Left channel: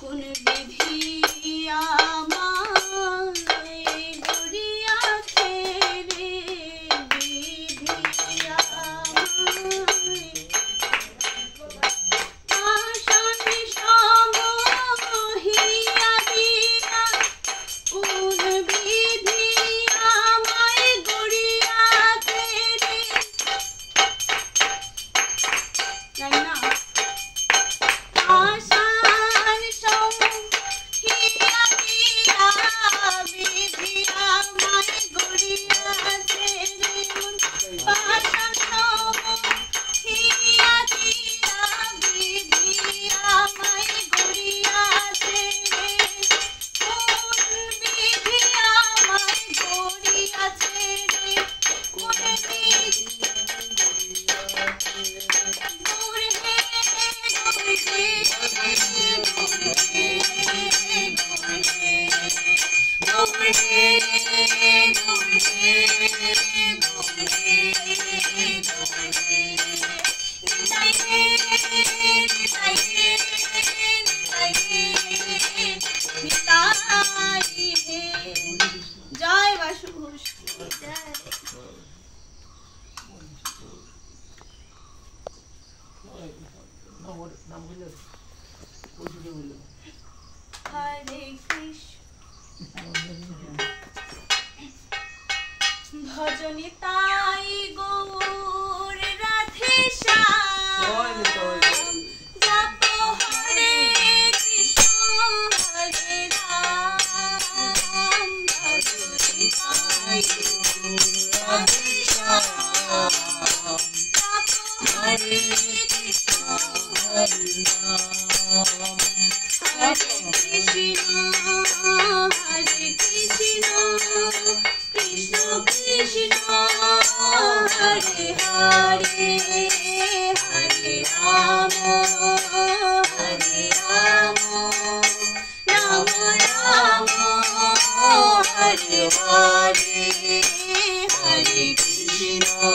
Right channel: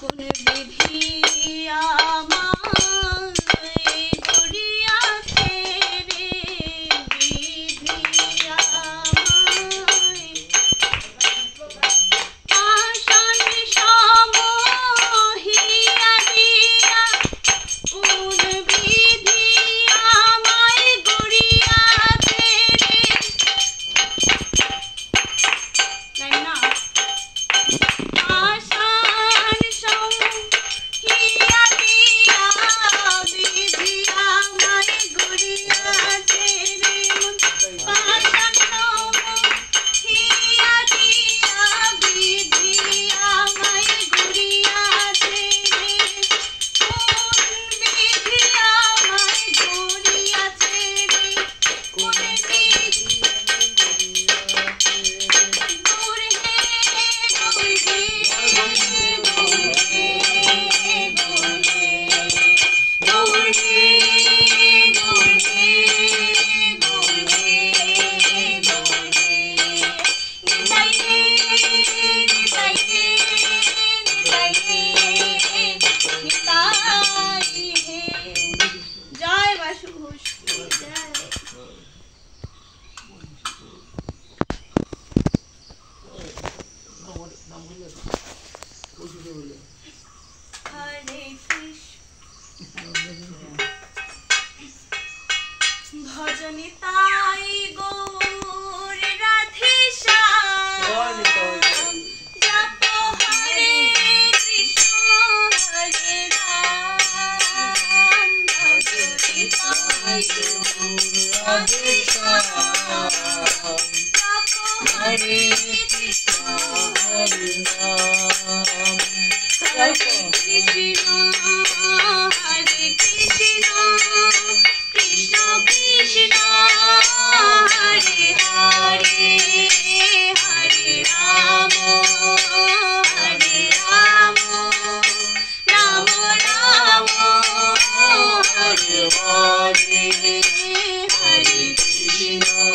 কোন বিধি আমায় গড়িয়াছে রে, বিধি আমায় আসন সমহিয়া দিয়া, কোন বিধি আমায় গড়িয়াছে রে। জানি না আশার সমহিয়া দিয়া, বিধি আমায় গড়িয়াছে রে। পাশান সমহিয়া দিয়া, বিধি আমায় গড়িয়াছে রে। কোন বিধি আমায় গড়িয়াছে রে, কোন বিধি দূর হে দূর হে দূর হে দূর হে দূর হে দূর হে নিতাই হে নিতাই হে নিতাই হে নিতাই হে। জয় বাসু ঘোষ জয়। হরে কৃষ্ণ ভজনে তাই গৌর রাধে শ্যাম, জপ হরে কৃষ্ণ হরে রাম, ভজনে তাই গৌর রাধে শ্যাম, জপ হরে কৃষ্ণ হরে রাম, হরে কৃষ্ণ হরে কৃষ্ণ কৃষ্ণ কৃষ্ণ হরে হরে, হরে রাম হরে রাম, রাম রাম হরে হরে, হরে কৃষ্ণ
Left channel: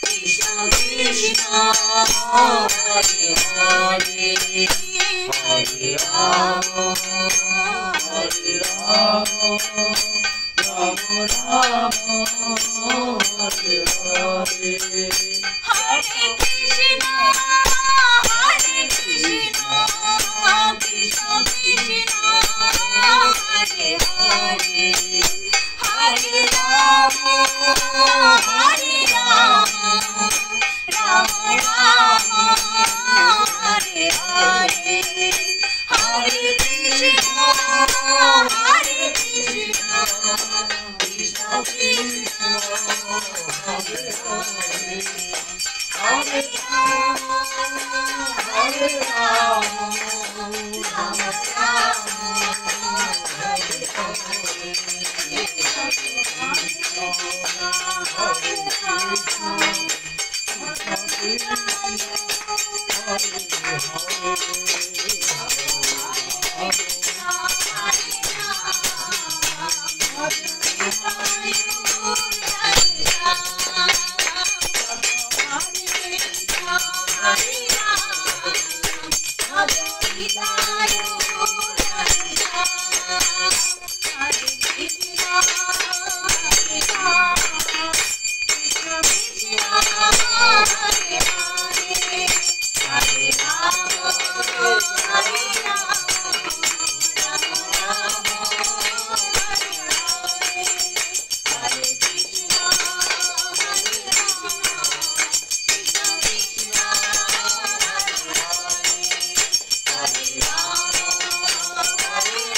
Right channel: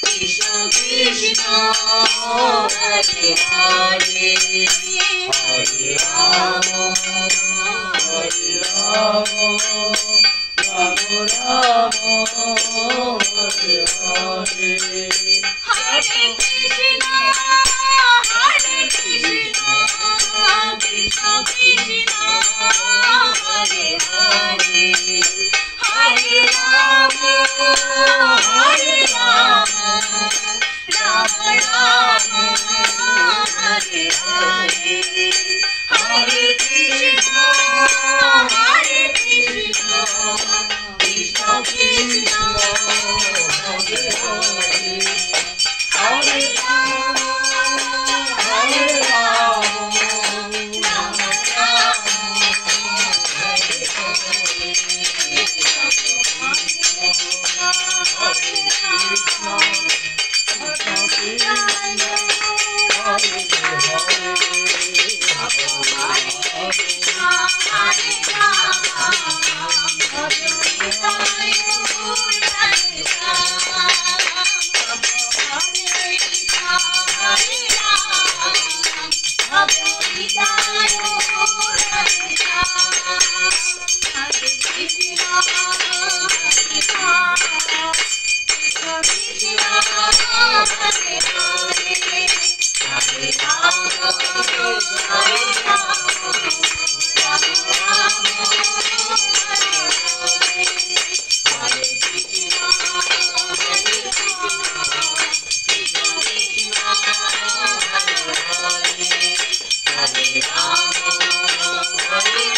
কৃষ্ণ কৃষ্ণ হরে হরে, হরে রাম হরে রাম, রাম রাম হরে হরে, হরে কৃষ্ণ কৃষ্ণ কৃষ্ণ হরে হরে, হরে রাম রাম রাম হরে হরে, হরে কৃষ্ণ কৃষ্ণ কৃষ্ণ হরে হরে, হরে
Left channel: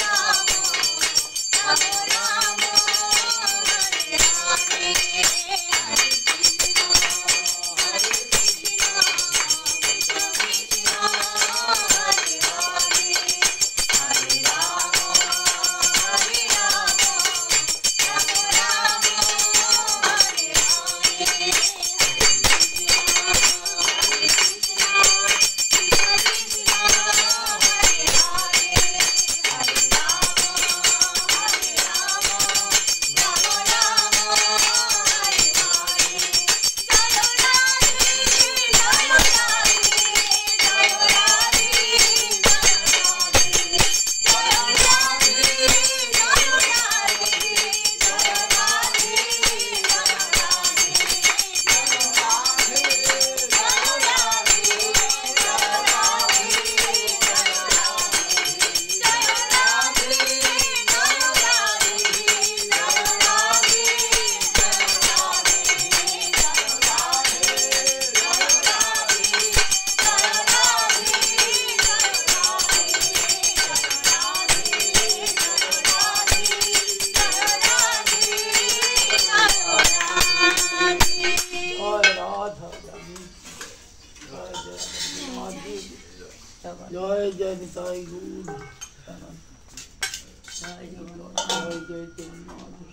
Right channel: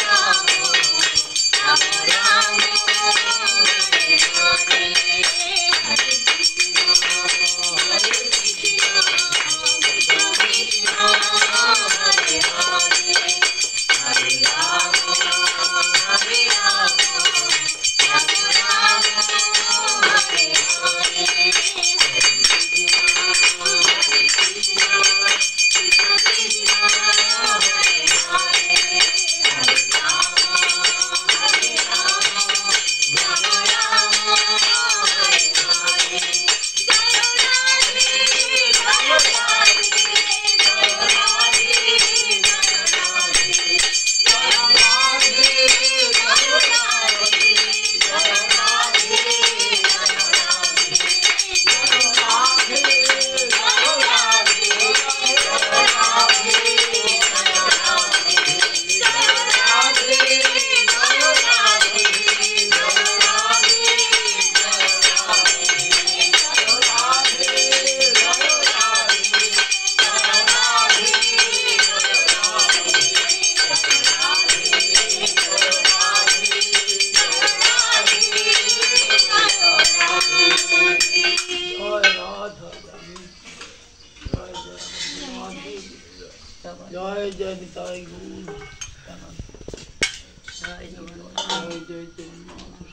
রাম রাম রাম হরে হরে, হরে কৃষ্ণ জয় জয় নিতাই গৌর জয় জয় জগন্নাথ